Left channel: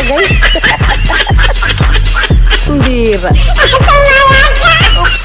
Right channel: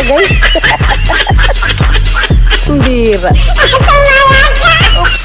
pa guys. Bira. Oops.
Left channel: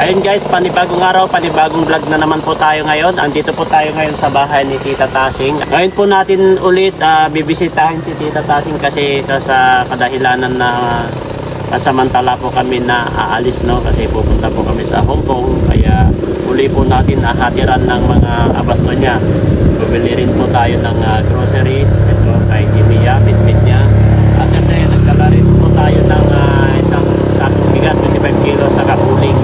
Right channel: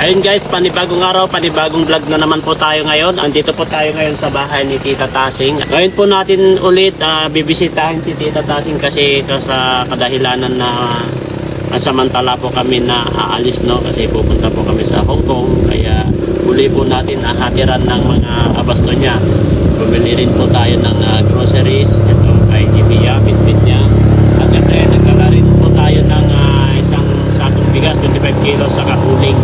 Ayun guys, panibagong araw, panibagong vlog na naman po tayo ngayon. Andito po tayo ngayon sa bahay ni Tita Tasing. Ngayon po natin ulit bibisitahin si Tita Tasing kasi sa kadahilanan na samantala po kami na aalis, no? Kasi pupunta po kami sa Hong Kong. Kaya uli po natin hatiran ng mga abasto niya. Bumili rin po tayo ng groceries. Ito kay Jimmy, bitbit niya. At syempre nagdala rin po tayo ng isang sakong bigas, 25 kilos sa uling.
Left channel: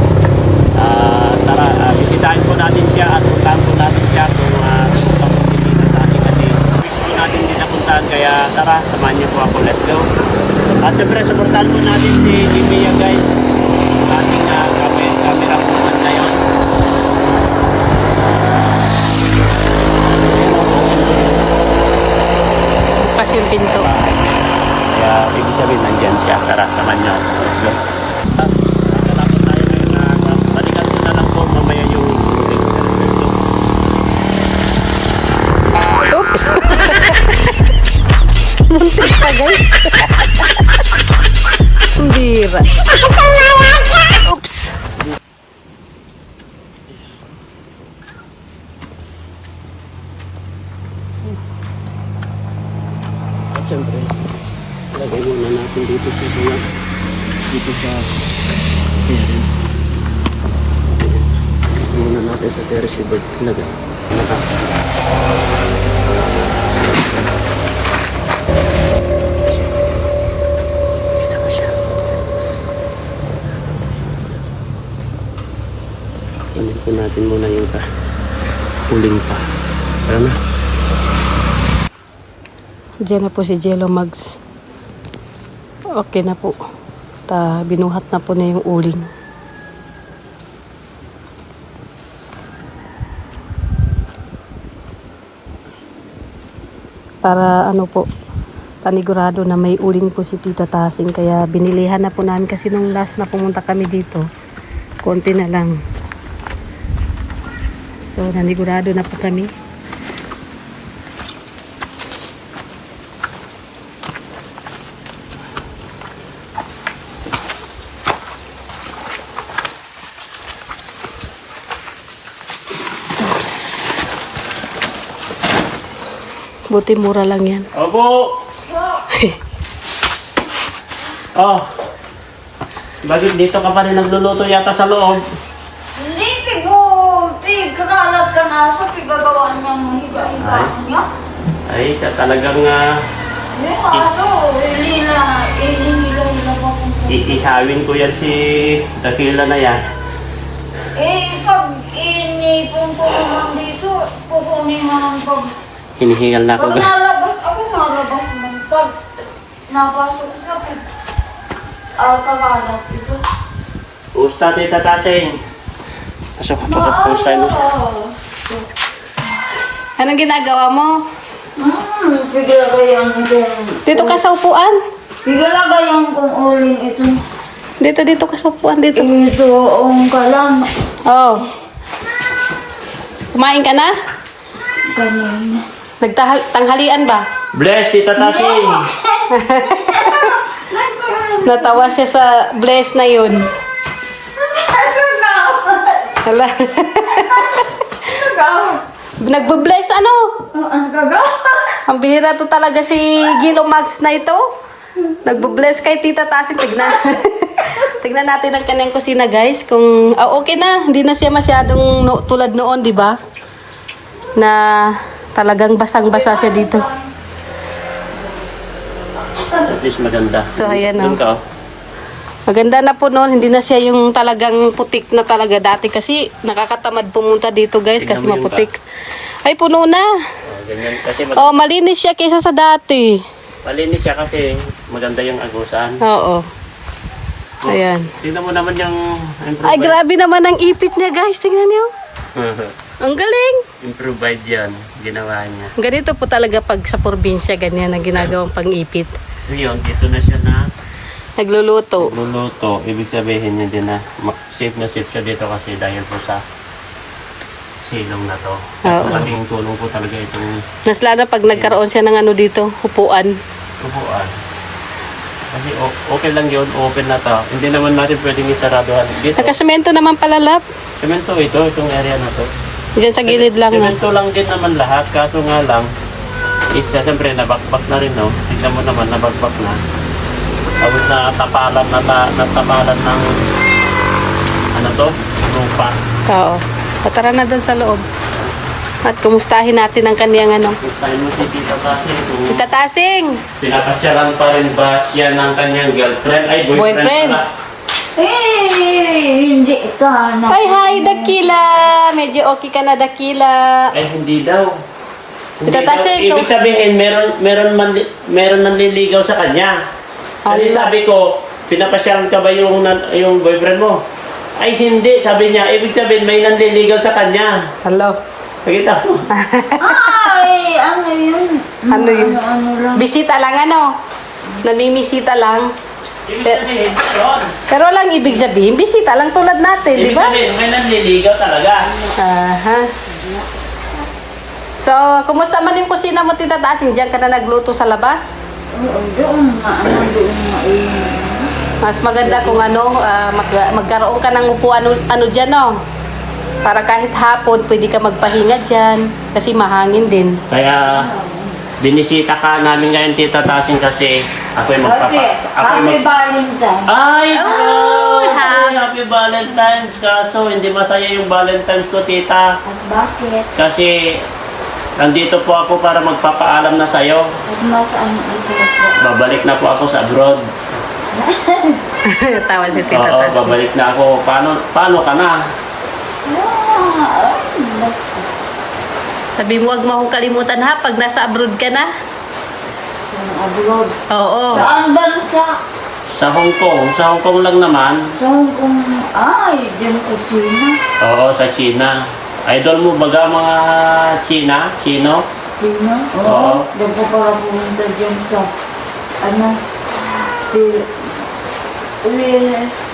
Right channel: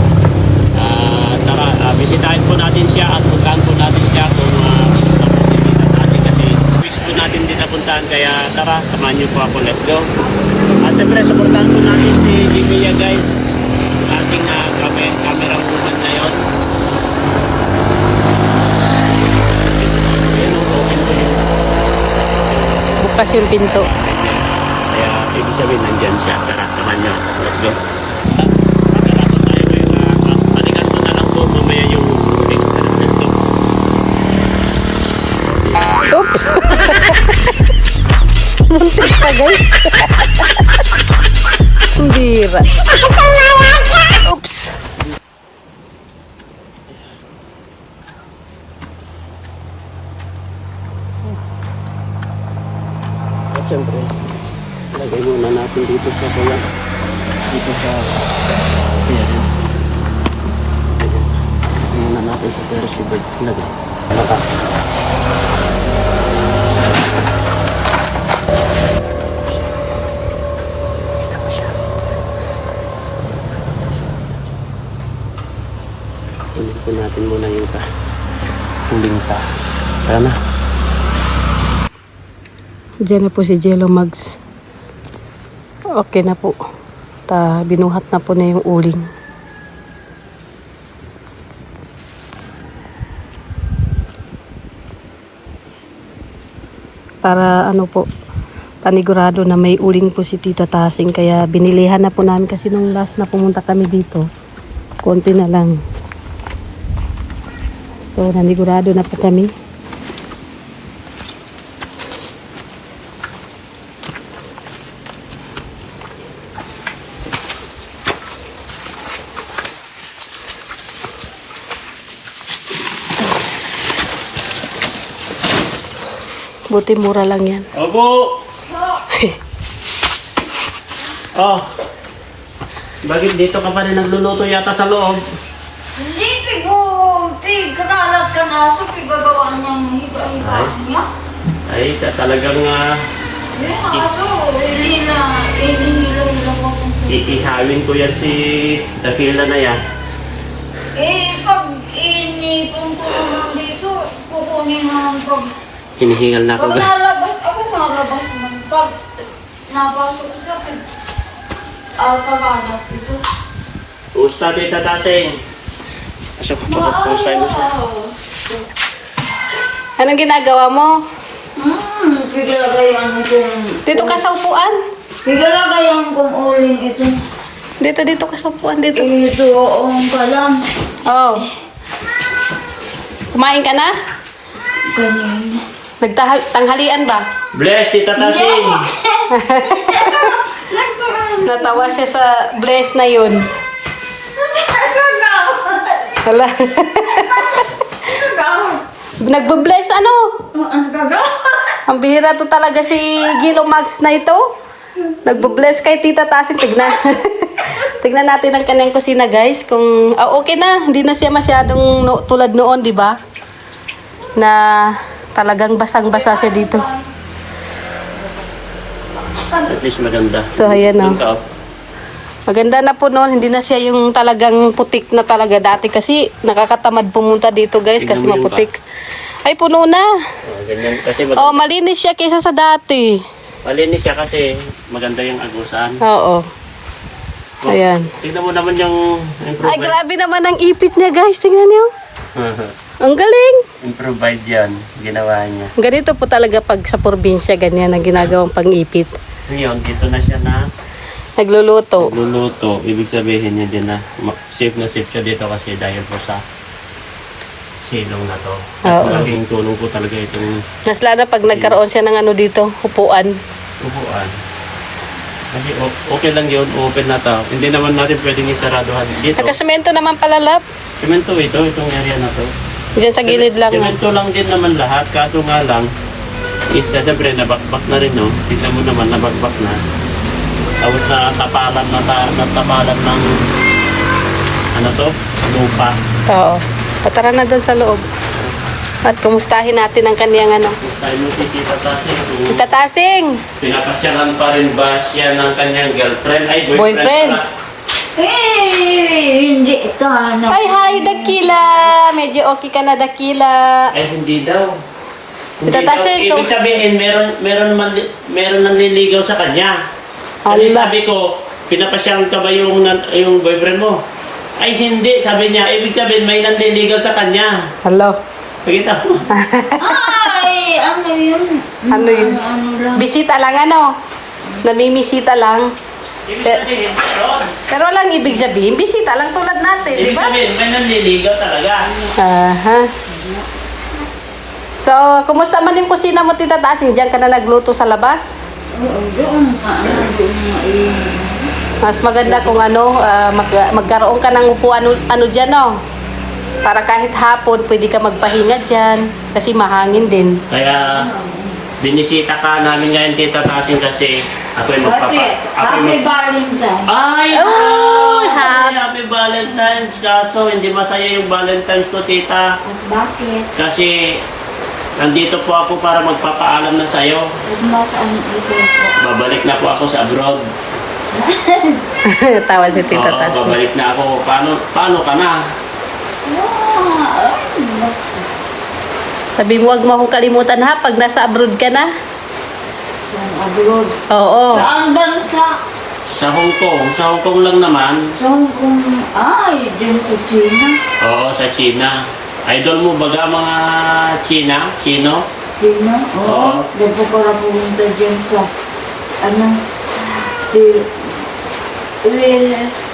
Tara, bisitahin po natin siya at puntahan po natin siya kung pupunta po si Tita Tasing kasi weeks po natin din napuntahan, kaya tara, samahan niyo po ako, let's go. At syempre, supportahan po natin si Jimmy guys, yung ating camera woman na yun. Bukas yung pinto. Kaya ibig sabihin, nandyan siya. Tara, samahan niyo, let's go. Oops. Muntik pa guys. Bira. Oops. At syempre, lagay muna natin dito sa kuya. Dito sa parent. Muna natin sa receiver. Lagay. Lagay. Kita mo siya. Kunin po natin muna yung uling pa. Tama? Diyan na po si Jello Mags. Okay na po. Binuhat na po na yung uling. Para ano po, panigurado na may uling po si Tita Tasing. Kaya binilihan na po namin kasi nung last na pumunta kami dito, konti na lang. So nanigurado na po kami. Buti mura lang yan. Opo! Oh, bakit dito ka pa rin nagluluto yata sa loob? Hindi, kanalat ka na sa pigagawa niyang higa-higaan niya. Ay, talagang Hindi, inihila ko kung ihawin ko yan si Dakila na yan. pag inipon ko naman dito, kukunin naman pag Hinihingal na ako. pag nalabas, ako nalabas man. Pag napasok ka, kakalat ito. Usta, Tita Tasing. Pasok. Anong ginagawa mo? Pigalagayan kong... Dito ka sa upuan. Pigalagayan kong uling ito. Dito ka sa upuan. Dito. Ito ang kalan. Oh. Kumain ka na? Ganyan. Nagtanghalian ba? Bless, Tita Tasing. Natawa siya sa bless na yun. Hala. Nagbe-bless ano? Ang gagawa. Ang bihira to talaga si Gilo Max na ito. Nagbe-bless kay Tita Tasing. Tignan. Tignan natin ang kanyang kusina guys. Kung okay na, hindi na siya masyadong tulad noon, di ba? Na talagang basang-basa siya dito. At least maganda. So, ayan o. Maganda na po noon. Hindi na siya yung talagang putik na talaga dati. Kasi nakakatamad pumunta dito guys. Kasi maputik. Ay, puno na. Ganyan. Kasi Oh, malinis siya kaysa sa dati. malinis siya kasi maganda yung agusan. Oo. Ayan. Tingnan mo naman yung Ay, improvement. grabe naman ang ipit niya guys. Tingnan niyo. Ang galing. Improvise yan. Ginawa niya. Ganito po talaga pag sa probinsya, ganyan ang ginagawang pang-ipit. Ngayon, dito na siya na Nagluluto. luluto. Ibig sabihin niya din na safe na safe siya dito kasi dahil po sa silong na to. Oo. Malaking tulong po talaga itong Mas lalo pag nagkaroon siya ng ano dito, upuan. upuan. Kasi okay lang yun, open na to. Hindi naman natin pwedeng isaraduhan dito. Nakasemento naman palalap. Semento itong area na to. Diyan sa gilid lang. No? Semento lang din naman lahat, kaso nga lang, siyempre nabakbak na rin, no? Tignan mo naman, nabakbak na. Tapos natapalan ng, ano to? Lupa. Oo. Patara na doon sa loob. At kumustahin natin ang kaniyang ano. Tayo mo si Tita Tasing, kung Tita Tasing! pinapasyalan pa rin ba siya ng kanyang girlfriend? Ay, Boyfriend. pala. Hindi ka na. Ay, hi, Dakila! Medyo okay ka na, Dakila. Eh, hindi daw. Tita Tasing, Ibig sabihin, meron nanliligaw sa kanya. Kasi Hala. sabi ko, pinapasyalan ka ba yung boyfriend mo? Ay, hindi. Sabi niya, ibig sabihin, may nanliligaw sa kanya. Hello. Pakita mo. Ay, ano yun? Ano yun? Ano lang. Bisita lang ano. Namimisita lang. Ibig sabihin, yun. Pero lang ibig sabihin, bisita lang tulad natin, di Ibig ba? sabihin, may nanliligaw talaga. Aha. So, kumusta man yung kusina mo, Tita Tasing? Diyan ka na nagluto sa labas? Oo, doon na. Ano doon na eh. Mas maganda kung ano, magkaroon ka ng upuan ano dyan, no? Para kahit hapon, pwede ka magpahinga dyan. Kasi mahangin din. Kaya, binisita ka namin ngayon, Tita Tasing, kasi ako'y Happy Valentine. Ay! Oh, Happy Valentine's! Kaso, hindi masaya yung Valentine's ko, Tita. Bakit? Kasi, nandito po ako para magpapaalam na sa'yo. Masaan ito po? Babalik na po ako sa abroad. Tawa si Tita Oo, Tasing. babalik na ako. Paano ka na? Sabi mo, huwag mo akong kalimutan ha, pag nasa abroad ka na. Yung abroad. Oo. Saan bansa? Sa Hong Kong. Sa Hong Kong lang naman. Sa Hong Kong. Ay, dyan sa China. Oo, sa China. Idol mo baga mga China? Chino? China? Oo. Oo. Doon pa para pumunta dyan sa,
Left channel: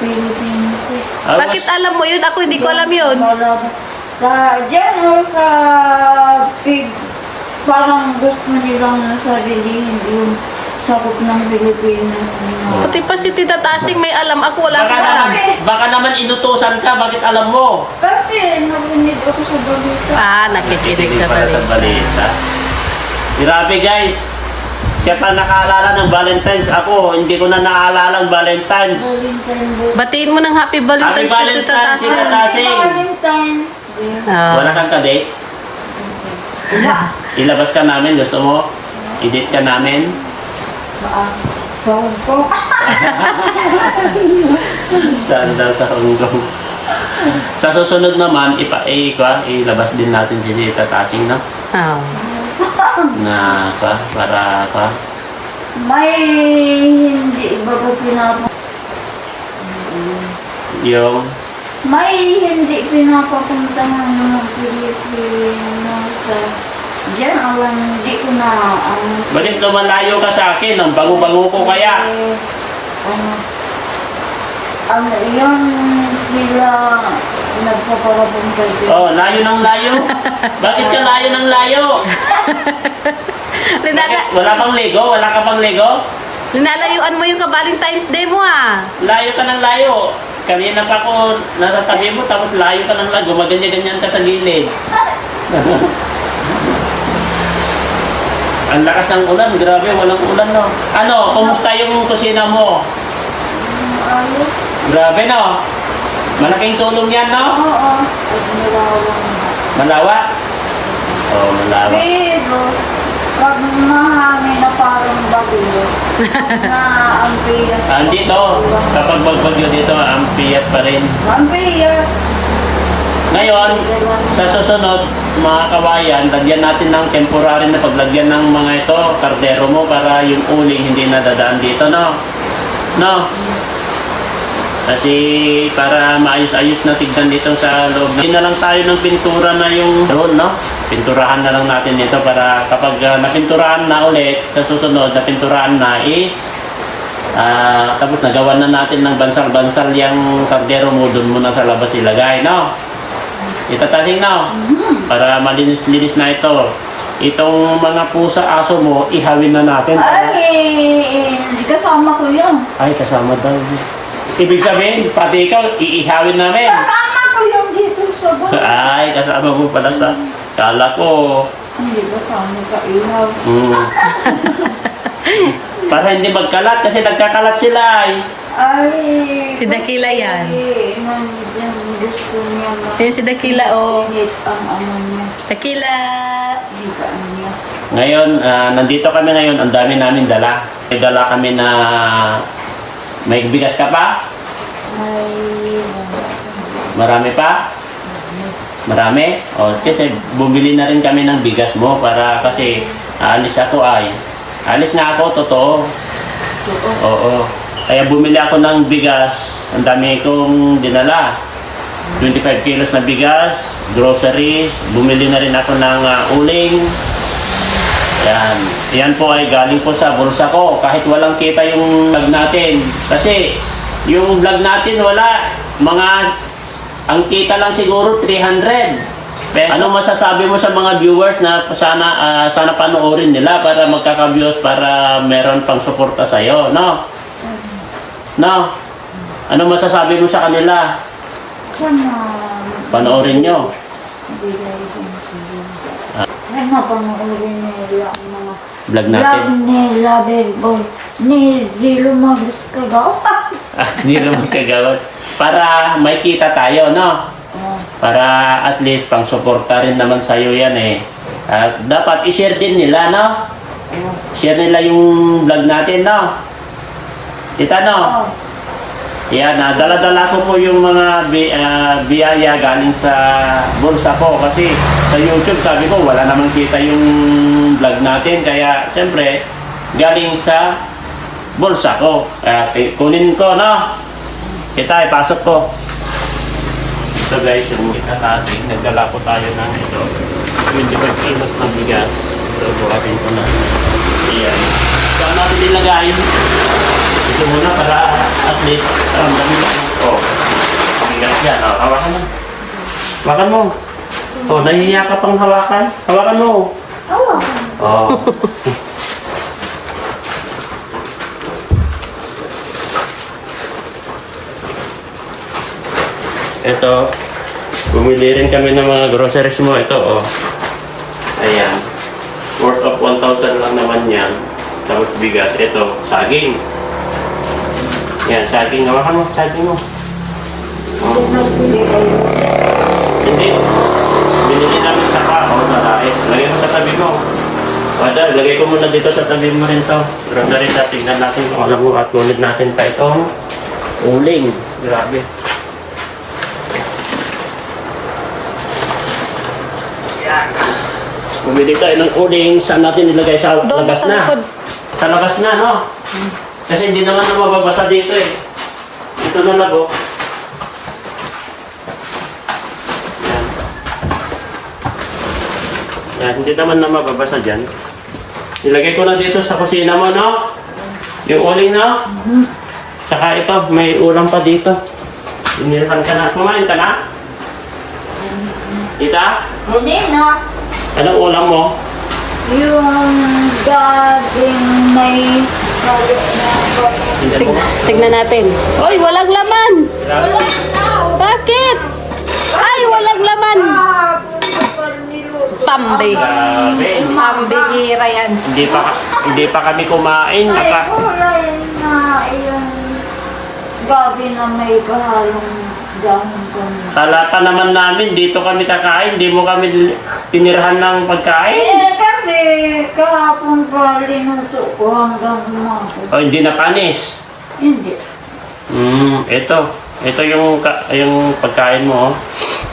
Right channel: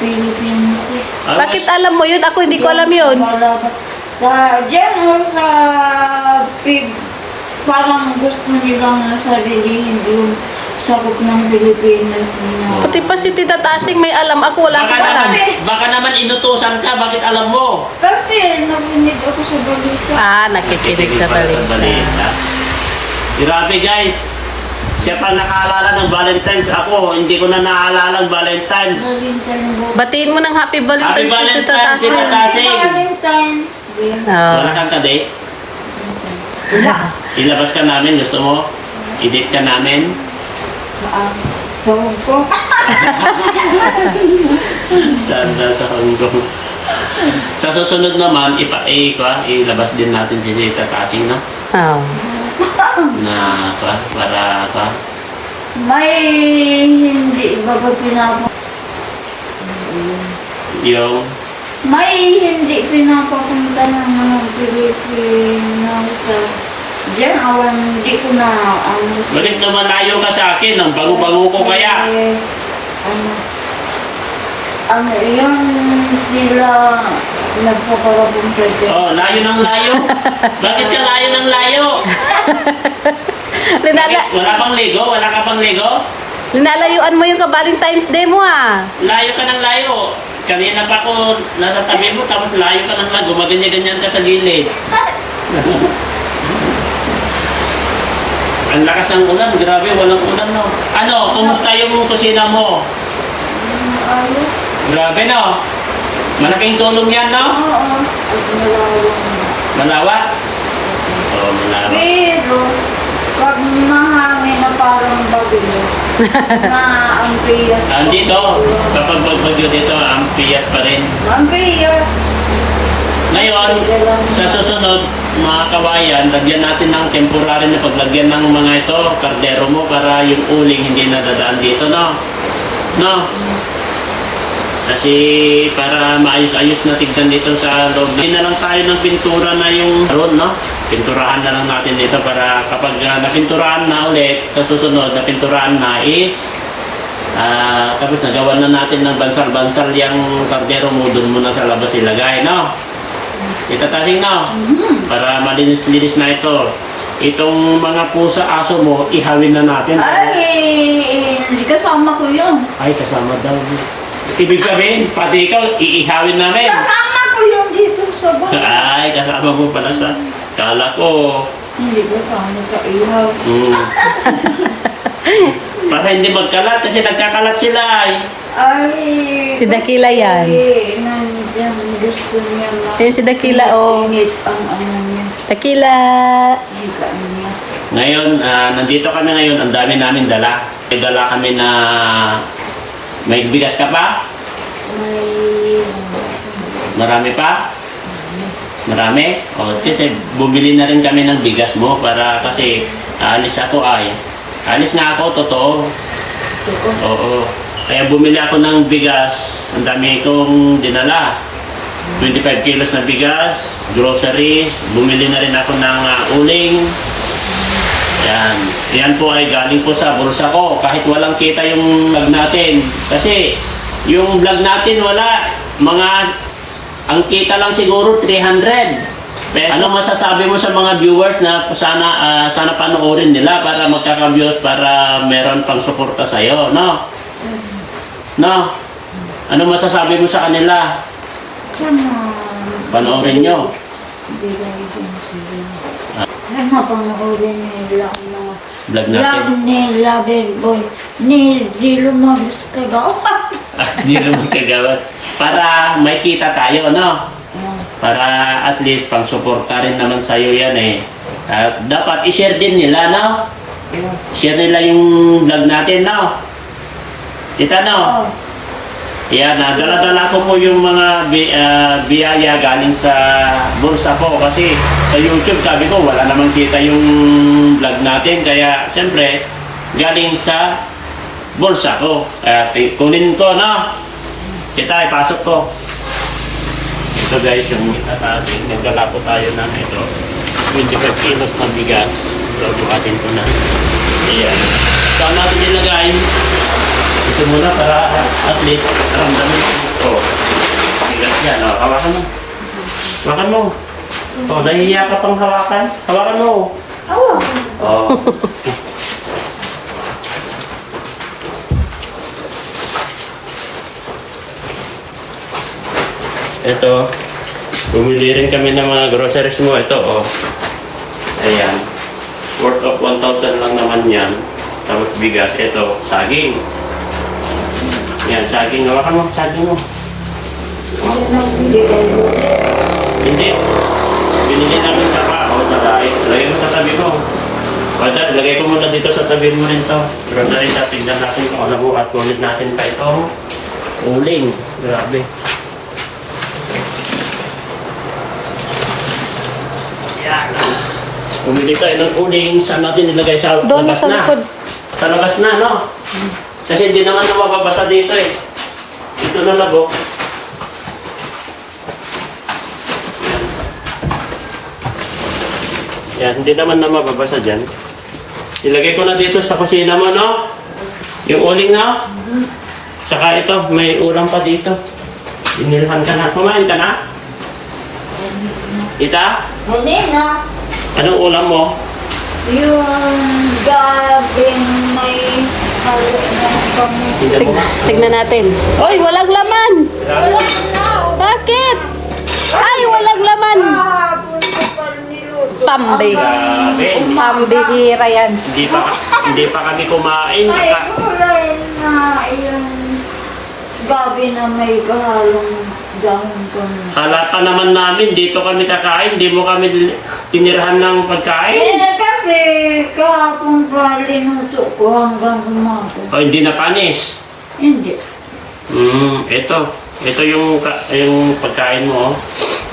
Philippines. Bakit alam mo yun? Ako hindi ko alam yun. Dyan sa parang gusto nilang sarilihin yung sakop ng Pilipinas na. Pati pa si Tita Tasing may alam. Ako wala akong alam. Baka naman inutusan ka. Bakit alam mo? Kasi narinig ako sa balita. Ah, nakikinig sa Para balita. Grabe guys. Siya pa nakaalala ng Valentine's. Ako, hindi ko na naalala ang Valentine's. Valentine po. Batiin mo ng Happy Valentine's Happy kay Tita Valentine's, Tita Tasing. Tasing. Valentine. Ah. Wala kang kadate? Ilabas ka namin. Gusto mo? I-date ka namin? Sa Hong Kong. Saan sa Hong Kong? Sa susunod naman, ilabas din natin si Tita Tasing, no? Oh. Na, para, May hindi ba yung, may hindi pinapapunta ng mga Pilipino sa diyan, hindi ko na bakit lumalayo ka sa akin? Ang bango-bango ko kaya? yung sila nagpaparapunta dyan. Oh, layo ng layo. Bakit ka layo ng layo? Wala pang Lego? Wala ka pang Lego? Linalayuan mo yung ka-Valentine's Day mo ah. Layo ka ng layo. Kanina pa ako nasa tabi mo, tapos layo ka ng layo. Gumaganya-ganyan ka sa gilid. Ang lakas ng ulan. Grabe, walang ulan, no? Ano, kumusta yung kusina mo? Grabe, no? Malaking tulong yan, no? Oo. At malawang. Malawak? Oo, malawak. Pero, pag mahangin na parang bagyo, na ang piyas. Andito, kapag magbagyo dito, ang piyat pa rin. Ang piyas. Ngayon, sa susunod, mga kawayan, lagyan natin ng temporary na paglagyan ng mga ito, kardero mo, para yung uling hindi nadadaan dito, no? No? Kasi para maayos-ayos na tignan dito sa loob. Hindi na lang tayo ng pintura na yung road, no? Pinturahan na lang natin dito para kapag napinturahan na ulit, sa susunod na pinturahan na is tapos nagawa na natin ng bansal-bansal yung kardero mo, doon muna sa labas ilagay, no? Itatasin, no? Para malinis-linis na ito. Itong mga pusa, aso mo, ihawin na natin. Ay, hindi kasama ko yun. Ay, kasama daw. Ibig sabihin, pati ikaw, iihawin namin. Kasama ko yun dito sa bahay. Ay, kasama mo pala sa... Kala ko... Hindi kasama sa ihaw. Para hindi magkalat, kasi nagkakalat sila. Ay, Si Dakila yan. Ay, nandiyan gusto niya na. Yan si Dakila, oh. Init ang ano niya. Dakila. Higaan niya. Ngayon, nandito kami ngayon, ang dami namin dala. May dala kami na... May bigas ka pa? May... Marami pa? Marami? O, kasi bumili na rin kami ng bigas mo para kasi aalis ako ay. Alis nga ako, totoo. Oo. Kaya bumili ako ng bigas. Ang dami kong dinala. 25 kilos na bigas, groceries. Bumili na rin ako ng uling. Yan. Yan po ay galing po sa bulsa ko. Kahit walang kita yung vlog natin. Kasi yung vlog natin wala. Ang kita lang siguro 300. Peso. Ano masasabi mo sa mga viewers na sana panoorin nila para magkaka-views para meron pang suporta sa iyo, no? No? Ano masasabi mo sa kanila? Sana... Panoorin nyo. Bigay din sila. Sana panoorin nila ang mga Vlog natin. vlog nila, Boy. Ni Zilo Magus Kagawa. Hindi naman kagawad. Para may kita tayo, no? Para at least pang suporta rin naman sa'yo yan eh. At dapat i-share din nila, no? Share nila yung vlog natin, no? Kita, no? Oh. Yan, dala-dala ko po yung mga biyaya galing sa bulsa ko kasi sa YouTube sabi ko wala namang kita yung vlog natin kaya siyempre galing sa bulsa ko. Kunin ko, no? Kita, ipasok ko. Ito guys, yung ikatating. Nagdala po tayo ng ito. 25 kilos na bigas. Ito, buhatin ko na. Ayan. Saan natin nilagay? Ito muna para at least dami ito. Bigas yan. Hawakan mo. Hawakan mo. Nahihiya ka pang hawakan. Hawakan mo. Oh. Ito, bumili rin kami ng mga groceries mo. Ito, oh. Ayan. Worth of 1,000 lang naman yan. Tapos bigas. Ito, saging. Yan, saging. Hawakan mo, saging mo. Oh. Hindi. Binili namin sa pao, sa diet. Lagay mo sa tabi mo. Bada, lagay ko muna dito sa tabi mo rin to. Grabe rin sa tingnan natin. Alam mo, at kunin natin pa itong uling. Grabe. Yan. Bumili tayo ng uling. Saan natin nilagay sa Doon labas sa na? likod. Sa labas na, no? Kasi hindi naman na mababasa dito eh. Ito na lago. Yan. Yan, hindi naman na mababasa dyan. Ilagay ko na dito sa kusina mo, no? Yung uling na. Saka ito, may ulam pa dito. Inilhan ka na. Kumain ka na? Kita? Hindi na. Anong ulam mo? Yung gabing may... Tignan natin. Oy, walang laman. Bakit? Ay, walang laman. Pambi. Grabe. Pambihira yan. Hindi pa kami kumain. Ay, kulay na yung gabi na may kahalong dahon kami. Kala pa naman namin, dito kami kakain. Di mo kami tinirahan ng pagkain. Kasi kahapon pa linusok ko hanggang umaga. O hindi na panis. Hindi. Ito yung pagkain mo. Oh.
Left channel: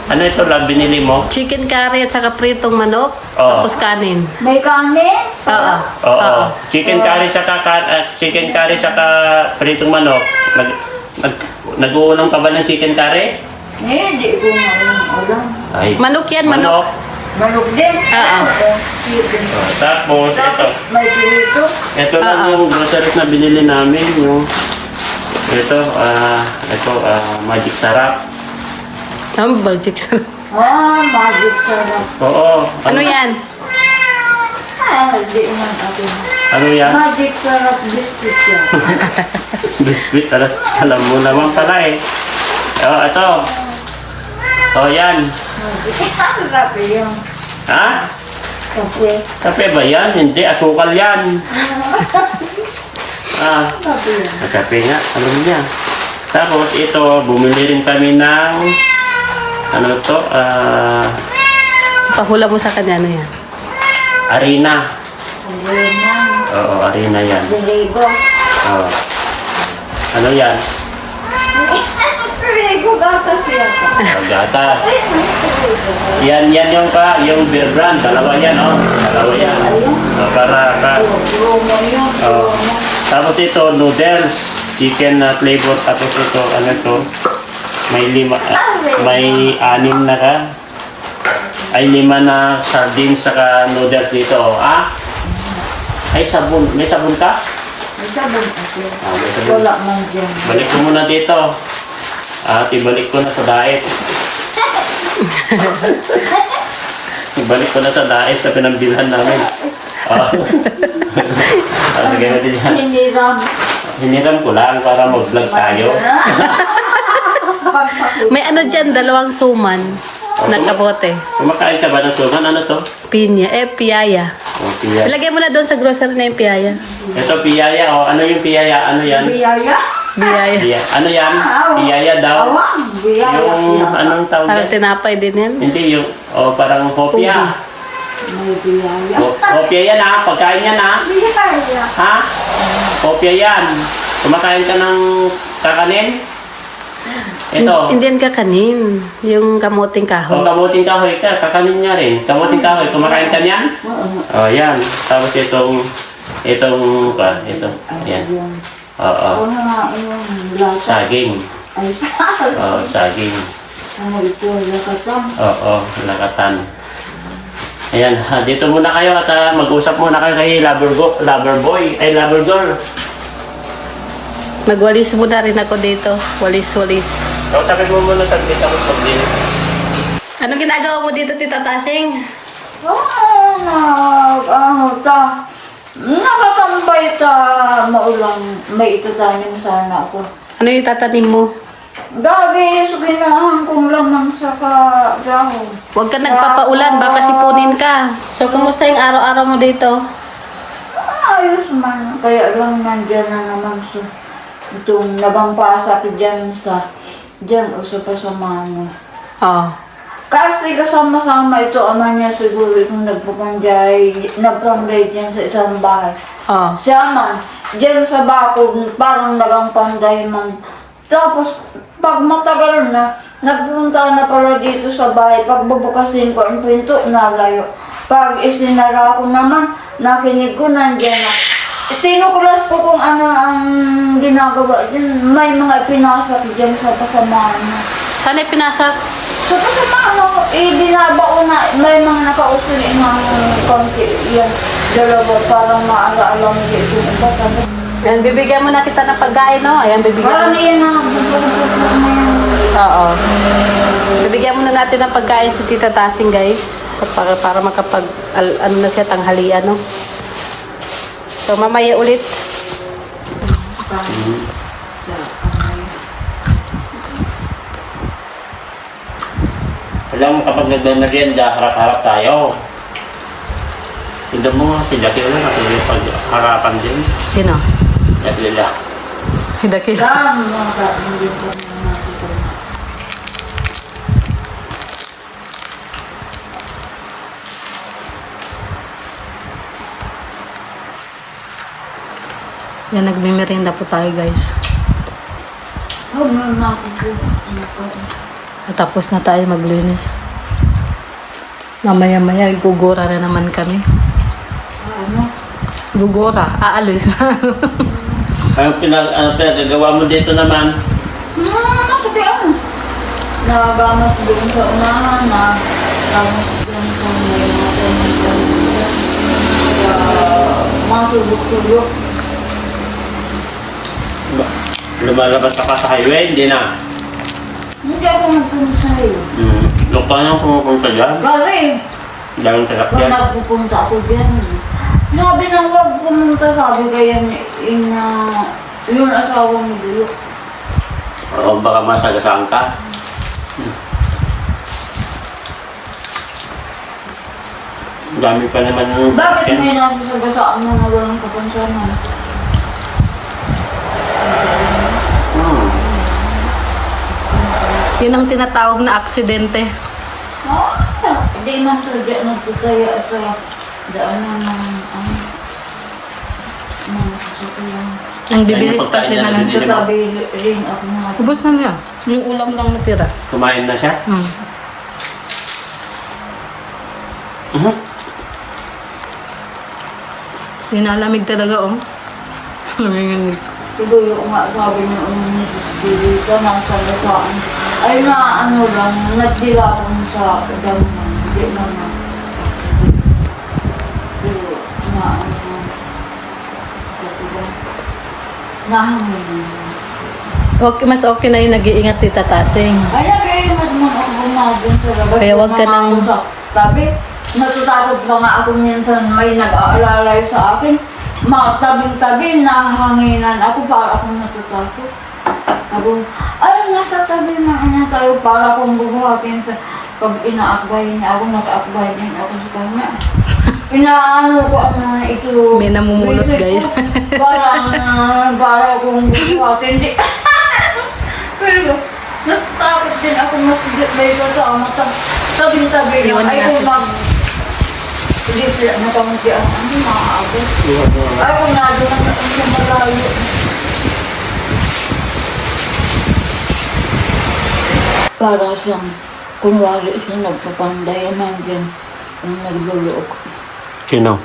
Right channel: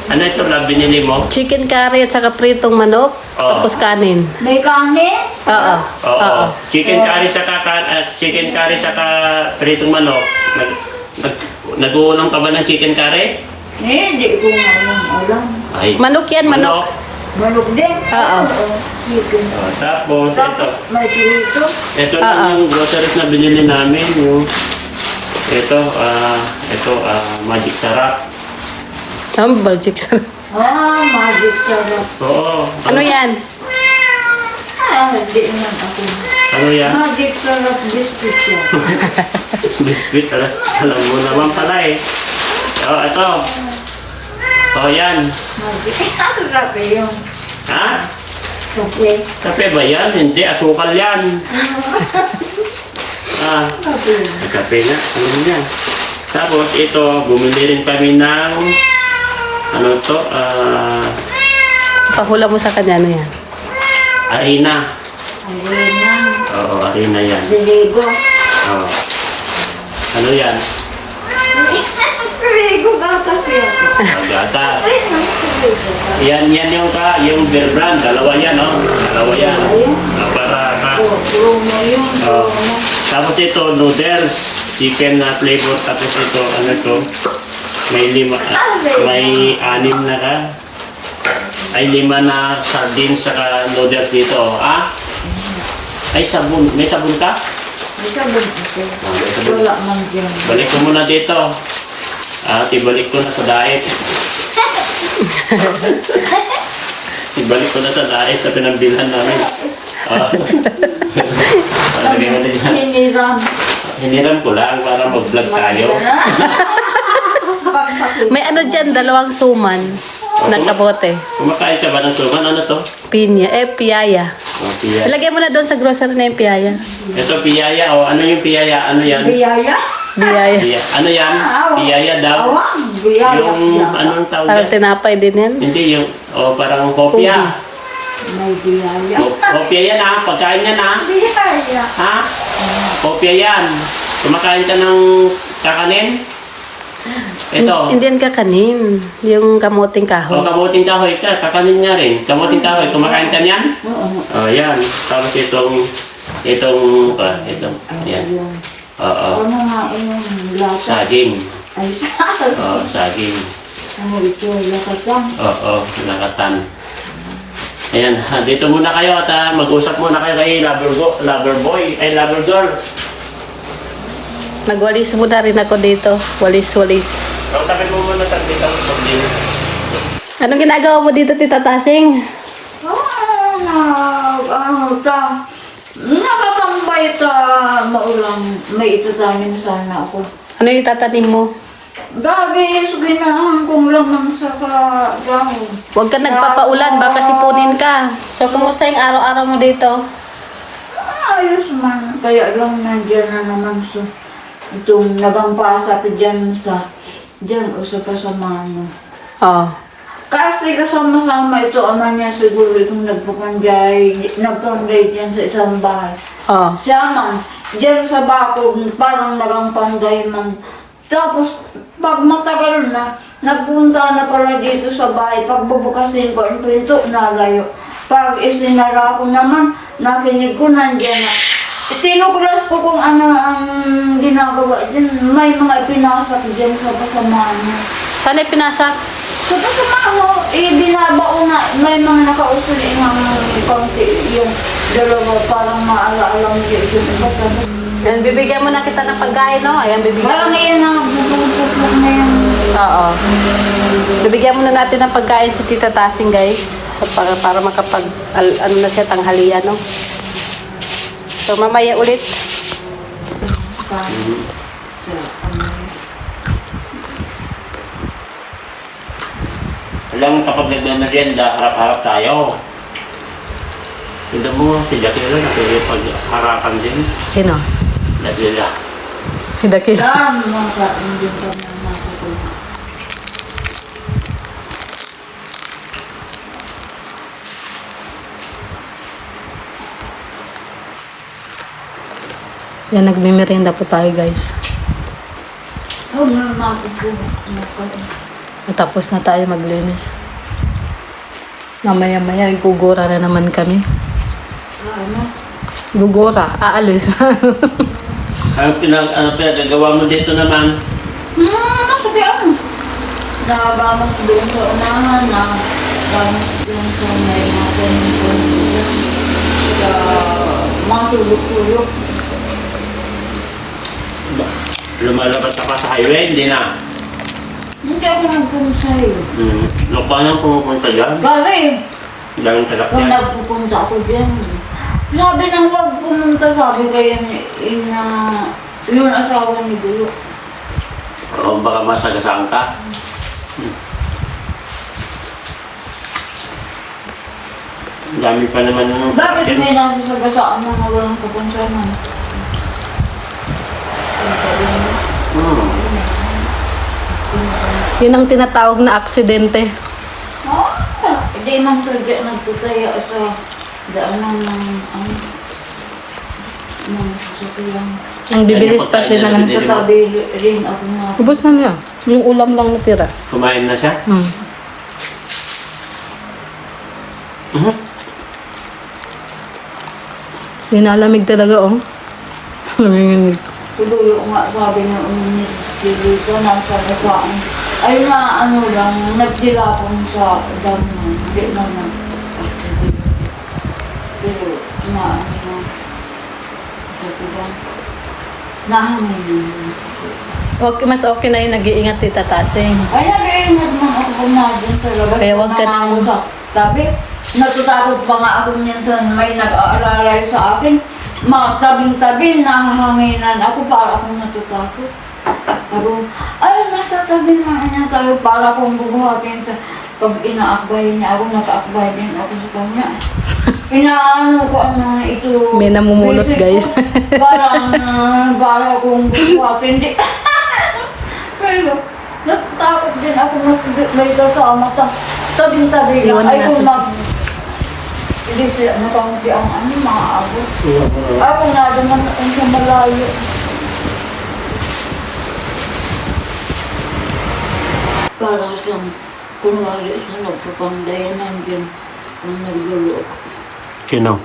Ano ito, Rab, binili mo? Chicken curry at saka pritong manok. Oo. Tapos kanin. May kanin? Oo. Oo. Chicken curry saka pritong manok. Nag-uulam ka ba ng chicken curry? Di ko ngayon ulam. Ay, Manok yan, manok. Manok din. Oo. Chicken. Tapos, ito. May churito. Ito lang yung groceries na binili namin. Yung, ito, magic sarap. Ang magic sarap. Magic sarap. Oo. Ano yan? Di man ako. Ano yan? Magic sarap biscuit yan. Biscuit. Alam mo naman pala eh. Oh, ito. Oh, yan. Magic. Sarap yung Ha? kape. Kape ba yan? Hindi, asukal yan. Kape. Kape nga, alam mo yan. Tapos ito, bumili rin kami ng ano to, Pahula mo sa kanya, ano yan? arena. Ayun na. Oo, arena yan. Diligo. Oo. Ano yan? Diligo gatas yan. Gatas. Yan yung beer brand. Dalawa yan, oh. Dalawa yan. Para Promo yun. oh. Tapos ito, noodles. Chicken na flavor. Tapos ito, ano ito? May 6 na ka. Ay 5 na sardines saka noodles dito. Ah? Ay sabon. May sabon ka? May sabon ako. May sabon. Wala man dyan. Balik ko muna dito. Ibalik ko na sa diet. Ibalik ko na sa diet sa pinambilhan namin. Hiniram. Hiniram ko lang para mag-vlog tayo. May ano dyan, 2 suman. Nakabote. Kumakain ka ba ng suman? Ano to? Pinya. Piyaya. Piyaya. Ilagay mo na doon sa grocery na yung piyaya. Ito piyaya. Ano yung piyaya? Ano yan? Biyaya. Biyaya. Ano yan? Piyaya daw. Awang. Biyaya. Yung anong tawag Parang yan? tinapay din yan. Hindi yung parang hopya. May biyaya. Hopya yan ha. Pagkain yan ha. Biyaya. Ha? Hopya yan. Kumakain ka ng kakanin? Ito. Hindi yan kakanin. Yung kamuting O kahoy. kamuting kahoy ka, kakanin niya rin. Kamuting kahoy, kumakain ka niyan? O yan. Tapos ito. Yan. Oo. Ano nga yung lasa? Saging. Ay, Oo, saging. ano ito? Lakatang. Oo, lakatan. Ayan, dito muna kayo at mag-usap muna kayo kay lover boy, ay lover girl. Magwalis muna rin ako dito. Walis-walis. O sabi mo muna sa kita ng pag-din. Anong ginagawa mo dito, Tita Tasing? Nakatambay maulang. May itatanim sana ako. Ano yung tatanim mo? Gabi, ginahan kong lamang sa dahon. Huwag ka nagpapaulan, baka sipunin ka. So, kumusta yung araw-araw mo dito? Ayos man. Kaya lang nandiyan na naman sa itong nagampasa pa dyan o sa kasama. Oo. Kasi kasama-sama ito, ama niya siguro kung nagpukanjay dyan sa isang bahay. Oo. Siya man, dyan sa bakod, parang nagampanday man. Tapos, pag matagal na, nagpunta na pala dito sa bahay. Pag bubukasin ko ang pinto, nalayo. Pag isinara ko naman, nakinig ko nandyan na. Sinukulas ko kung ano ang ginagawa dyan. May mga ipinasak dyan sa kasamaan niya. Saan ay pinasak? Sa kasamaan, binabao na, may mga nakauso na ng konti. Yan, dalawa, parang maala-alam dyan. Ayan, bibigyan mo na kita ng pagkain, no? Ayan, bibigyan Parang mo. yan na, bubukot na yan. Oo. Bibigyan muna natin ng pagkain si Tita Tasing, guys. Para makapag, ano na siya, tanghalian, no? So, mamaya ulit. Alam mo kapag nagmamerienda, harap-harap tayo. Tignan mo nga si Jackie lang, pag-harapan din. Sino? Jackie lang. Hidakil. Tama ka, hindi ka na makakita. Yan, nagmimerienda po tayo, guys. Huwag na makakita. At tapos na tayo maglinis. Mamaya-maya, gugura na naman kami. Ano? Gugura, aalis. Ano pinagagawa mo dito naman? Kasi ano, nagamas doon sa unahan, nagamas doon sa may matulog-tulog. Lumalabas ka pa sa highway, hindi na. Hindi ako nagpunta sa'yo. Paano pumupunta dyan? Kasi, Daming kung salakyan. nagpupunta ako dyan, sabi nang wag pumunta, sabi kaya na yung asawa ni Dulok. O baka masagasaan ka. Dami pa naman ng Bakit may nasasagasaan mo na walang kapansanan? Yun ang tinatawag na aksidente. Hindi man sadya nagtutaya sa daanan ng mga sasakyan. Ang bibilis pa din ng ano. Katabi rin ako nga. Ubus na niya. Yung ulam lang natira. Kumain na siya? Dinalamig talaga, oh. Nanginginig. Tuloy ko nga sabi niya, hindi ka nasa nasaan. Ay na ano lang, nagdilapon sa damo. Hindi naman. Pero na ano, sabi lang, nahangin. Okay, mas okay na yung nag-iingat tita Tasing. Ay, nabigay mo naman ako pumadyan sa labas. Kaya wag ka nang- Sabi, natatakot pa nga ako minsan may nag-aalalay sa akin. Tabing-tabi, nahanginan ako para akong natatakot. Sabi, ay, nasa tabi na tayo para akong bubuhatin sa pag inaakbay niya ako, nakaakbay din ako sa kanya. Inaano ko ano ito. May namumulot, guys. Para akong bubuhatin. Hindi. Pero, natatakot din ako may kasama sa tabing-tabi Iwan na. na Ay, natin. hindi sila nakamunti ang maaabot. Ako nga naman sa malayo. Para siyang, kunwari siyang nagpapanday, nandiyan ang naglulok. Sino?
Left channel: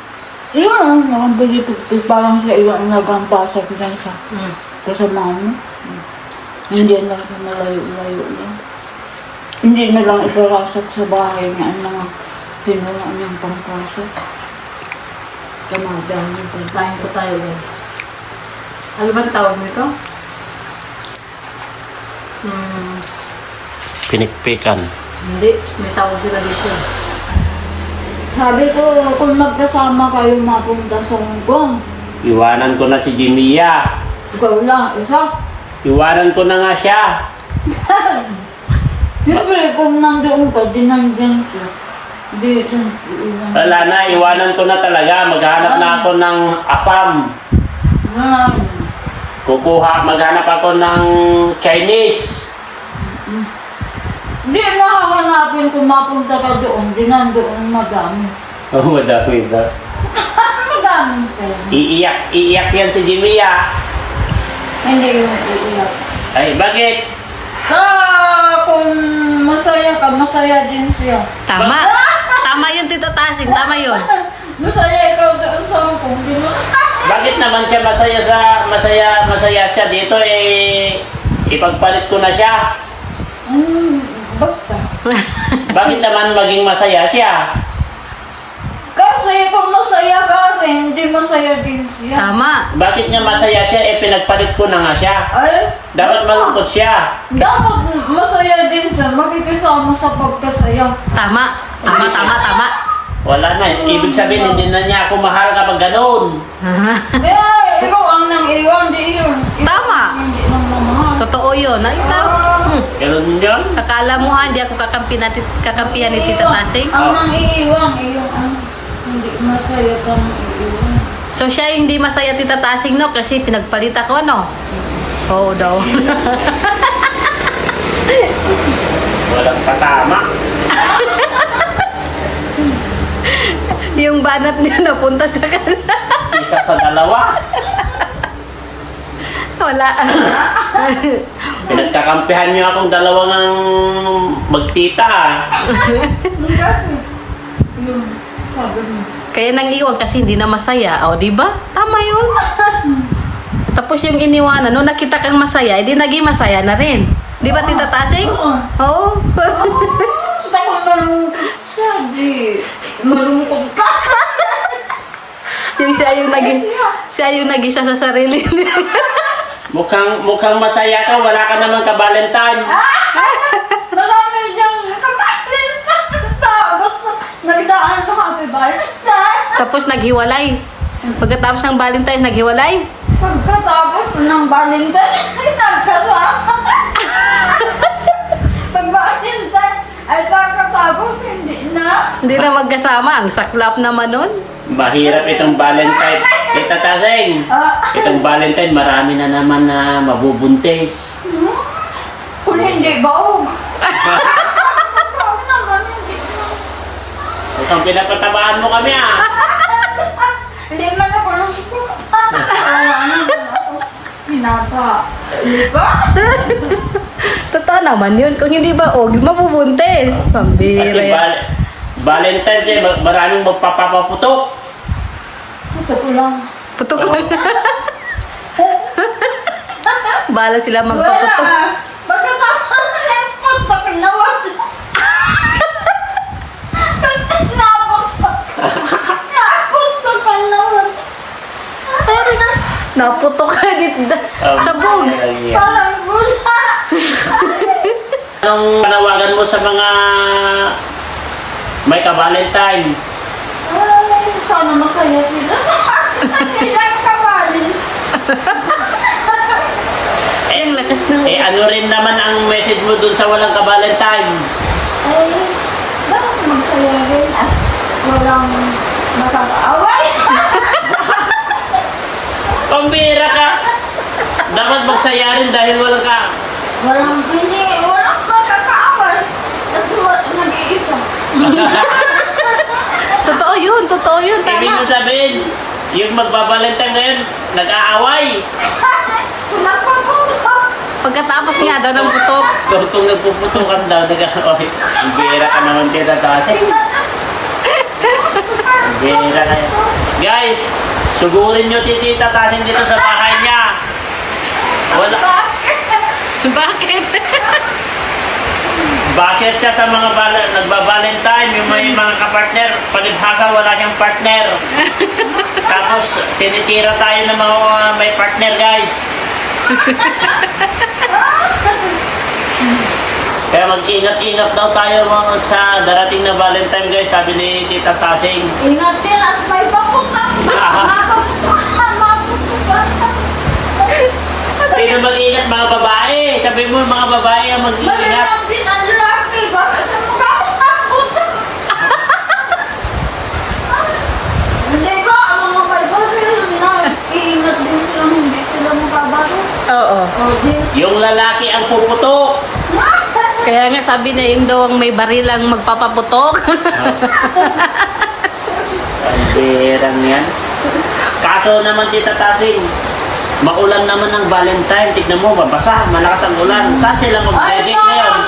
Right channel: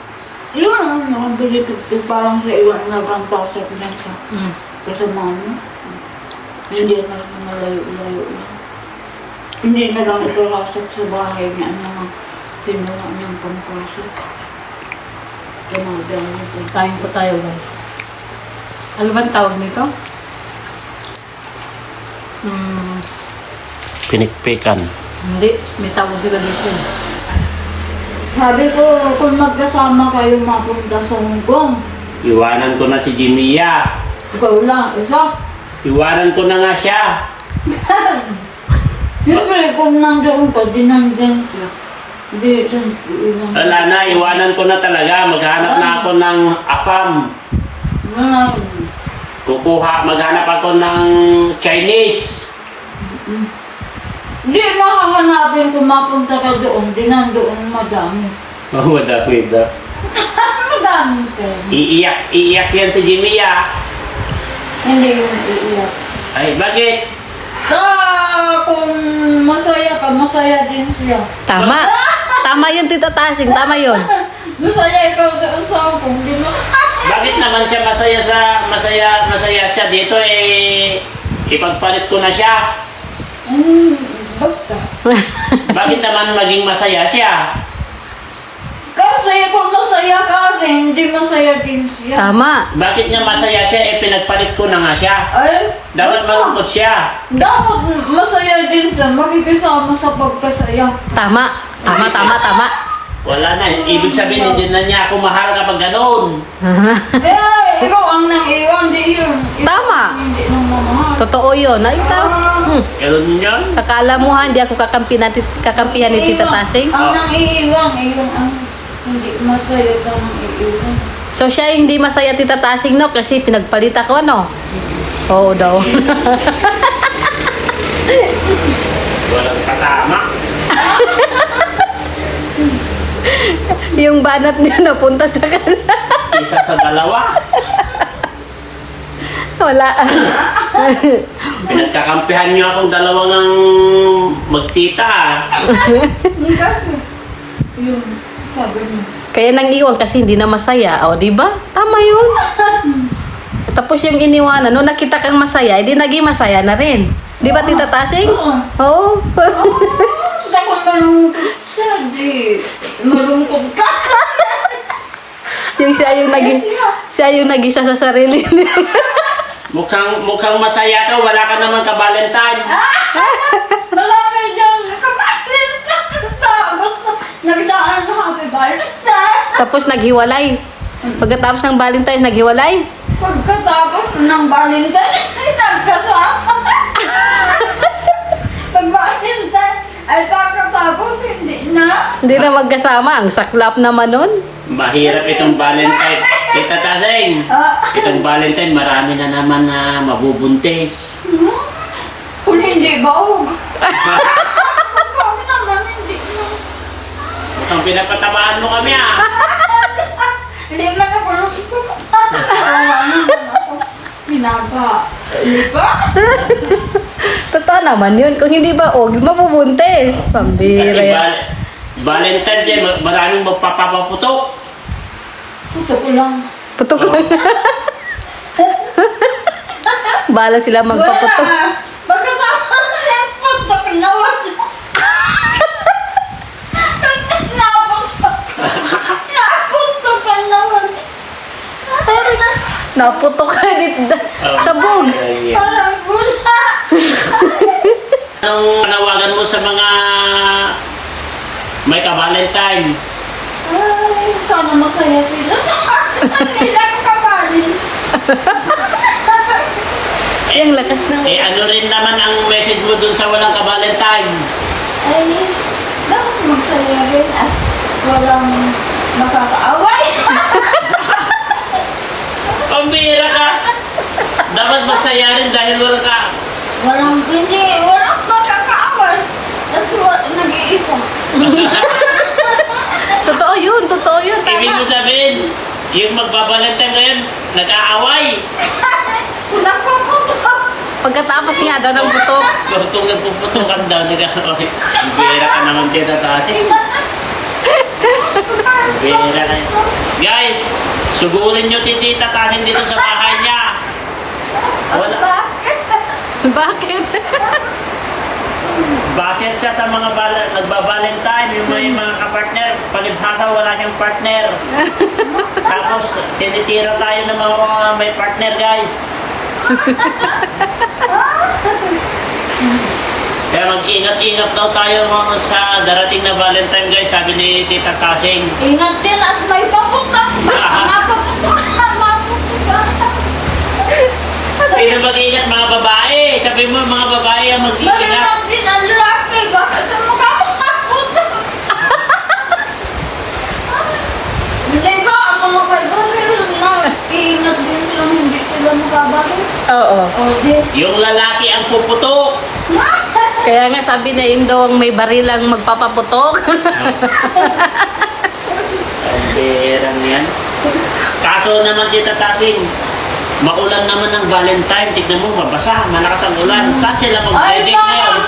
Yun, nakabili ko, parang sa ilang nagampasak niya sa kasama niya. Hindi na sa malayo-layo lang. Hindi na lang ikarasak sa bahay niya ang mga pinuha niyang pangpasok. Kanagan niya. Kain po tayo, guys. Ano ba ang tawag nito? Pinikpikan. Hindi. May tawag sila dito. Sabi ko, kung magkasama kayo mapunta sa Hong Kong, Iwanan ko na si Jimia. ikaw lang, isa. Iwanan ko na nga siya. Siyempre, kung nandoon ka, di nandyan siya. Di, Wala na, iwanan ko na talaga. Maghanap na ako ng apam. Maghanap ako ng Chinese. Di nakahanapin kung mapunta ka doon, di nandoon madami. Oh, madami ba? Madami talaga. Iiyak yan si Jimia. Hindi yung iiyak. Ay, bakit? Kung masaya ka, masaya din siya. Tama. Tama yun, tita Tasing. Tama yun. Masaya ikaw doon sa Hong Kong, di mo. Bakit naman siya masaya siya dito ipagpalit ko na siya. Basta. Bakit naman maging masaya siya? Kasi kung masaya ka rin, hindi masaya din siya. Tama. Bakit nga masaya siya pinagpalit ko na nga siya? Ay, Dapat malungkot siya. dapat masaya din siya, makikisama sa pagkasaya. Tama. Tama, tama, tama. Wala na. Ibig sabihin, hindi na niya ako mahal kapag gano'n. Eh, ikaw ang nang iwan, di yun. Ikaw Tama. ang hindi nang mamahal. Totoo yun. Ay, ikaw. Ganun yun? Akala mo ha, hindi ako kakampihan ni tita Tasing? Ang nang iiwan, iyon ang hindi masaya ka nang iiwan. So siya yung hindi masaya tita Tasing, no? Kasi pinagpalit ako, no? Oo daw. Walang patama. Yung banat niya napunta sa kanila. Isa sa dalawa. Wala. Pinagkakampihan niyo akong dalawang ng magtita. Kasi, yun, sabi mo. Kaya nang iwan kasi hindi na masaya. O, di ba? Tama yun. Tapos yung iniwanan, nung nakita kang masaya, edi naging masaya na rin. Di ba, Tita Tasing? Oo. Tapos malungkot siya, di. Malungkot ka. Yung siya yung nag-isa sa sarili niya. Mukhang masaya ka, wala ka naman ka-Valentine. Wala na dyan, kapatid ka. Tapos, nagdaan na happy Valentine. Tapos naghiwalay. Pagkatapos ng Valentine's, naghiwalay. Pagkatapos ng Valentine, nagkasama. Pag Valentine, ay pagkatapos, hindi na. Hindi na magkasama. Ang saklap naman nun. Mahirap itong Valentine. Tita Tasing, itong Valentine, marami na naman na mabubuntis. Kung hindi baog. Baog naman, hindi na. Mukhang pinapatamaan mo kami ah. Hindi man ako nasusunod. Hinaba. Hindi ba? Totoo naman yun. Kung hindi ba, mabubuntis. Kasi Pambira yan. Valentine's yan, maraming magpapaputok. Puto ko lang. Putok lang. Bala sila magpaputok. Pagkatapos pagpapinawan. Naputok ka naman. Naputok ka dito. Sabog. Parang gula. Anong panawagan mo sa mga may ka-Valentine? Ay, sana masaya sila. Hindi lang kabalin. Yung lakas ng... Ano rin naman ang message mo dun sa walang ka-Valentine? Ay, dapat magsaya rin at walang nakakaaway. Pambira ka! Dapat magsaya rin dahil walang ka. Walang makakaaway. Kasi nag-iisa. Totoo yun, Ibig tama. mo sabihin, yung magbabalantang ngayon, nag-aaway. Pagkatapos nga daw ng putok. Tortong nagpuputukan daw, nag-aaway. Bira ka naman Tita Tasing. Bira ka yan. Guys, sugurin nyo si Tita Tasing dito sa bahay niya. Wala. Bakit? Baset siya sa mga nagba-Valentine, yung may mga kapartner, palibhasa wala siyang partner. Tapos tinitira tayo ng mga may partner, guys. Kaya mag-ingat-ingat daw tayo mga sa darating na Valentine, guys, sabi ni Tita Tasing. Ingat din at may papunta. Sino mag-ingat? Mga babae. Sabi mo mga babae ang mag-ingat. Magandang din ang lalaki. Baka sa mga papunta. Hindi ba ang mga may baril na iingat din sila hindi sila nakabaril? Oo. O, di. Yung lalaki ang puputok. Kaya nga sabi na yun daw ang may barilang magpapaputok. Ang berang yan. Kaso naman Tita Tasing, maulan naman ng Valentine. Tignan mo, babasa, malakas ang ulan. Saan sila mag-dedicate ngayon?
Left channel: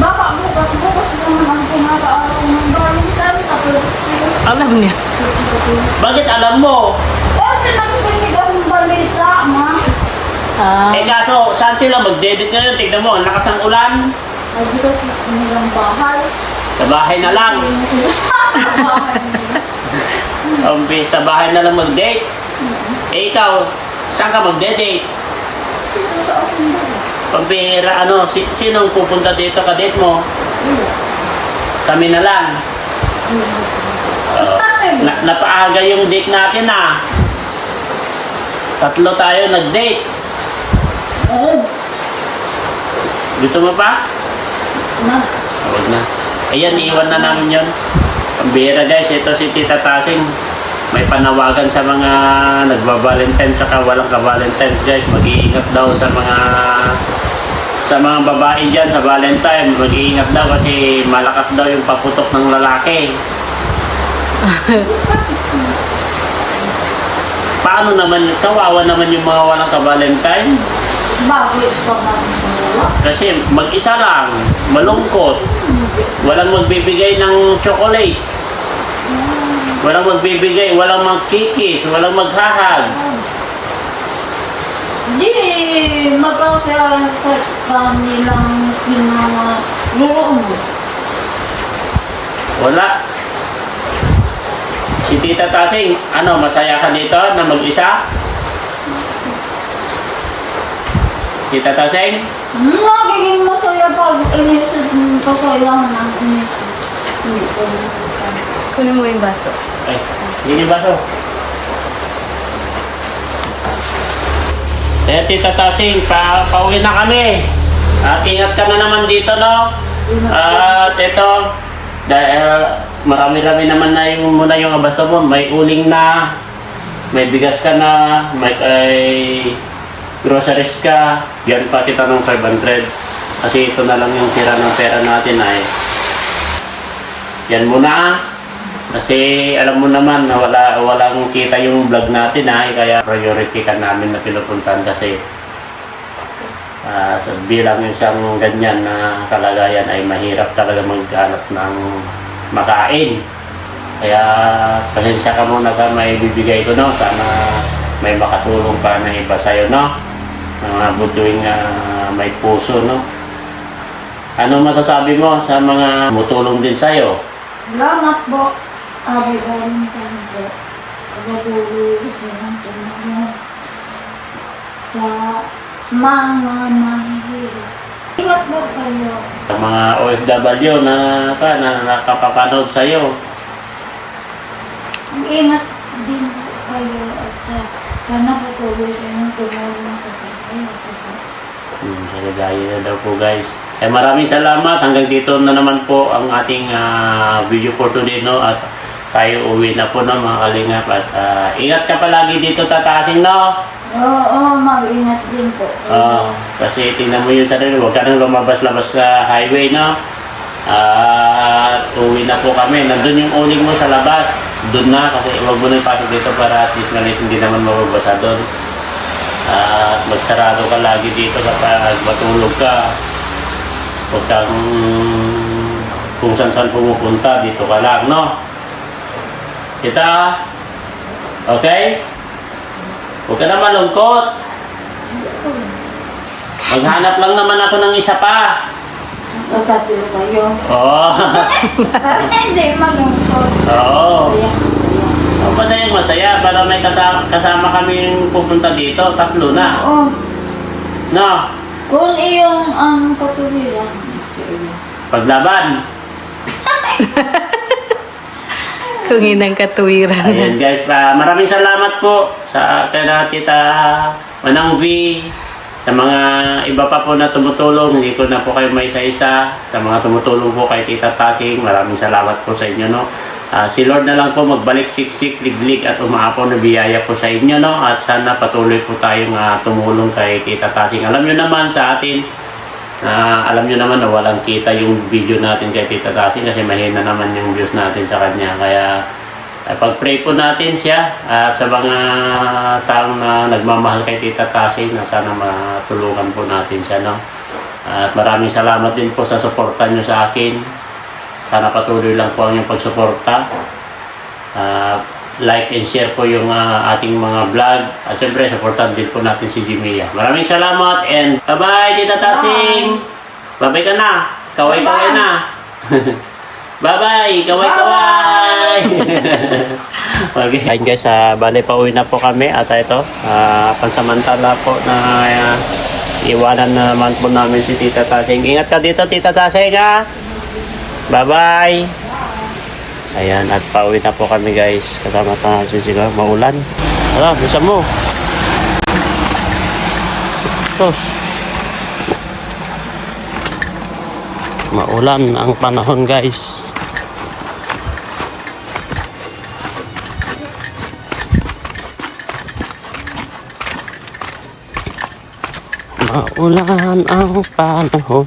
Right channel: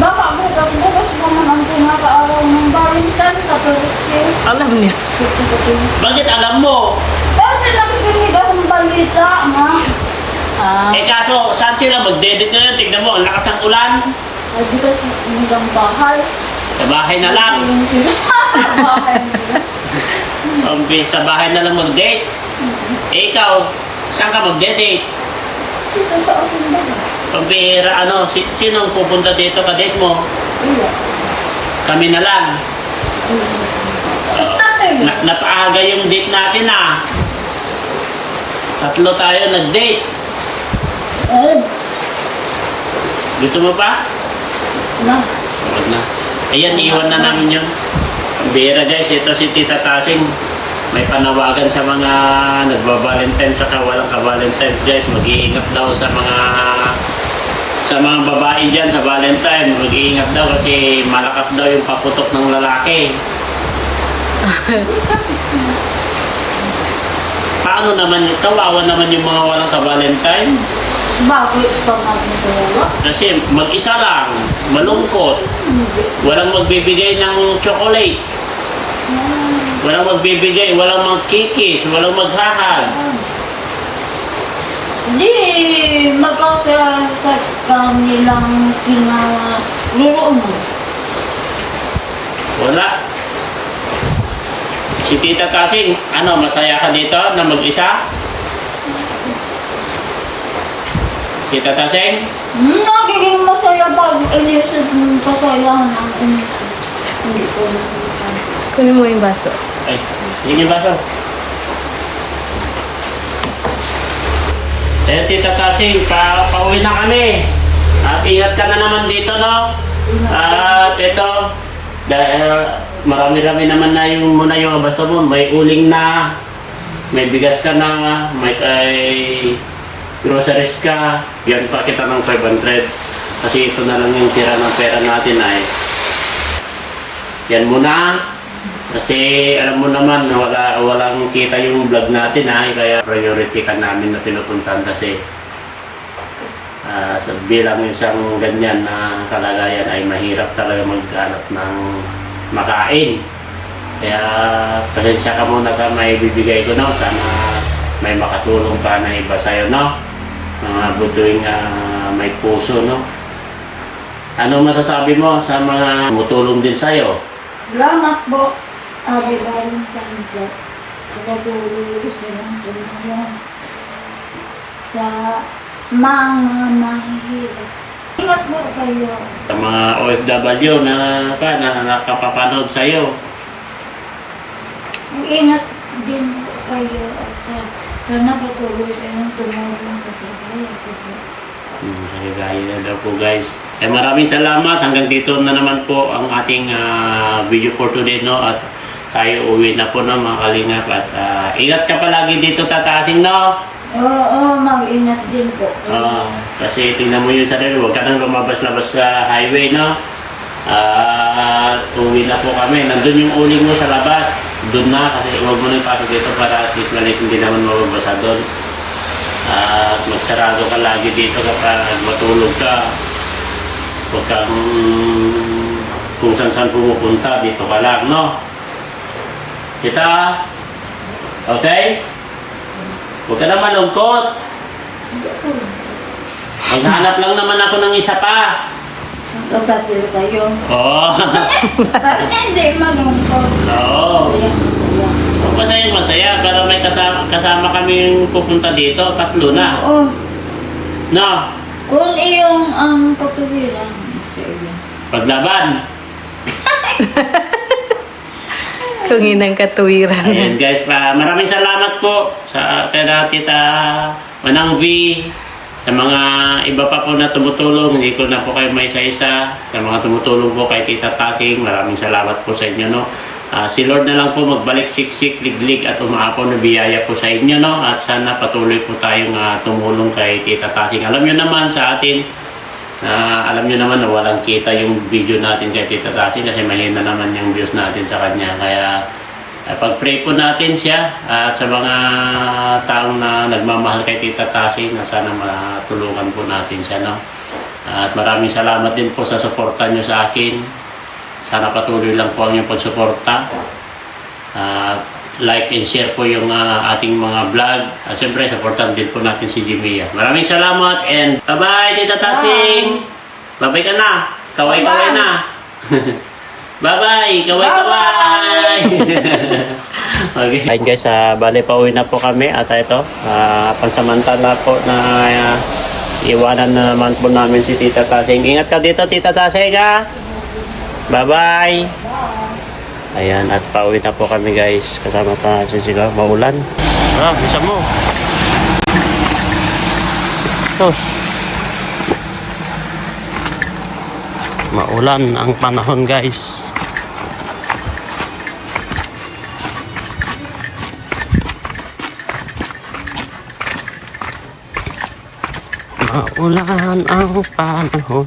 Baka bukas naman ang kumakaaraw ng Valentine sa Palestine. Alam niya. Bakit alam mo? Kasi nakikinig akong balita, ma. Eh kaso, saan sila mag-dedicate ngayon? Tignan mo, ang lakas ng ulan. Lagi kasi nilang bahay. Sa bahay na lang. Bahay nila. Sa bahay na lang mag-date. Eh ikaw, saan ka mag-date? Dito sa aking bahay. Pagpira, sinong pupunta dito ka-date mo? Wala. Kami na lang. Natin. Napaaga yung date natin ah. 3 tayo nag-date. Oh, Gusto mo pa? na. Huwag na. Ayan, iwan na namin yun. Bira guys, ito si Tita Tasing. May panawagan sa mga nagba-Valentine saka walang ka-Valentine guys. Mag-iingat daw sa mga babae dyan sa Valentine. Mag-iingat daw kasi malakas daw yung paputok ng lalaki. Paano naman, kawawa naman yung mga walang ka-Valentine? Bakit ka magdala? Kasi mag-isa lang, malungkot. Walang magbibigay ng chocolate. Walang magbibigay, walang magkikis, walang maghahag. Di, magkasya sa kanilang kinalaro mo. Wala. Si Tita Tasing, ano, masaya ka dito na mag-isa? Tita Tasing? Nagiging masaya pag inisip mo pasayahan ng inisip. Hindi ko nakita. Kunin mo yung baso. Ay, hindi ba to? Eh, Tita Tasing, pauwi na kami. At ingat ka na naman dito, no? At ito, dahil marami-rami naman na yung muna yung abasto mo. May uling na, may bigas ka na, may groceries ka. Yan pa kita ng 500. Kasi ito na lang yung tira ng pera natin ay. Yan muna. Kasi alam mo naman na walang kita yung vlog natin ay. Kaya priority ka namin na pinupuntahan kasi bilang isang ganyan na kalagayan ay mahirap talaga maghanap ng makain. Kaya pasensya ka muna sa may bibigay ko, no? Sana may makatulong pa na iba sa'yo, no? Mga butuing may puso, no? Ano masasabi mo sa mga tumutulong din sa'yo? Salamat po. Abi galing kami po. Pagatuloy ko silang tulungan sa mga mahihirap. Ingat po kayo. Sa mga OFW na nakapapanood sa'yo. Ingat din kayo at sana patuloy sa inyong tumulong sa tayo. Kagaya na daw po, guys. Maraming salamat. Hanggang dito na naman po ang ating video for today, no? At tayo uwi na po, no, mga kalingap. At ingat ka palagi dito, Tatasing, no? Oo, mag-ingat din po. Kasi tingnan mo yung sarili. Huwag ka nang lumabas-labas sa highway, no? Uwi na po kami. Nandun yung uling mo sa labas. Doon na, kasi huwag mo na ipasok dito para at least malit hindi naman mababasa doon. At magsarado ka lagi dito kapag matulog ka. Huwag kang kung saan pumupunta, dito ka lang, no? Kita? Okay? Huwag ka na malungkot. Maghanap lang naman ako ng isa pa. Pagkatilo kayo. Oo. Hindi, malungkot. Oo. Masaya para may kasama kaming pupunta dito. 3 na. Oo. No? Kung iyong ang katuwiran sa iyo. Paglaban. Kung inang katuwiran. Ayun guys, maraming salamat po sa kaya Tita Manang V, sa mga iba pa po na tumutulong. Hindi ko na po kayo may isa-isa. Sa mga tumutulong po kay Tita Tasing, maraming salamat po sa inyo, no? Si Lord na lang po magbalik siksik, liglig at umaapaw na biyaya po sa inyo, no? At sana patuloy po tayong tumulong kay Tita Tasing. Alam nyo naman sa atin, alam nyo naman na walang kita yung video natin kay Tita Tasing kasi mahina naman yung views natin sa kanya. Kaya pag-pray po natin siya at sa mga taong na nagmamahal kay Tita Tasing na sana matulungan po natin siya, no? At maraming salamat din po sa suporta nyo sa akin. Sana patuloy lang po ang inyong pagsuporta. Like and share po yung ating mga vlog. At siyempre, supportan din po natin si Jimia. Maraming salamat and bye-bye, Tita Tasing! Bye-bye ka na! Kaway-kaway na! Bye-bye! Kaway-kaway! Okay. Ayun guys, bali pauwi na po kami. At ito, pansamantala po na iwanan naman po namin si Tita Tasing. Ingat ka dito, Tita Tasing, ha! Bye-bye! Ayan, at pauwi na po kami guys. Kasama natin sila. Maulan. Bisa mo. Tos. Maulan ang panahon guys. Maulan ang panahon.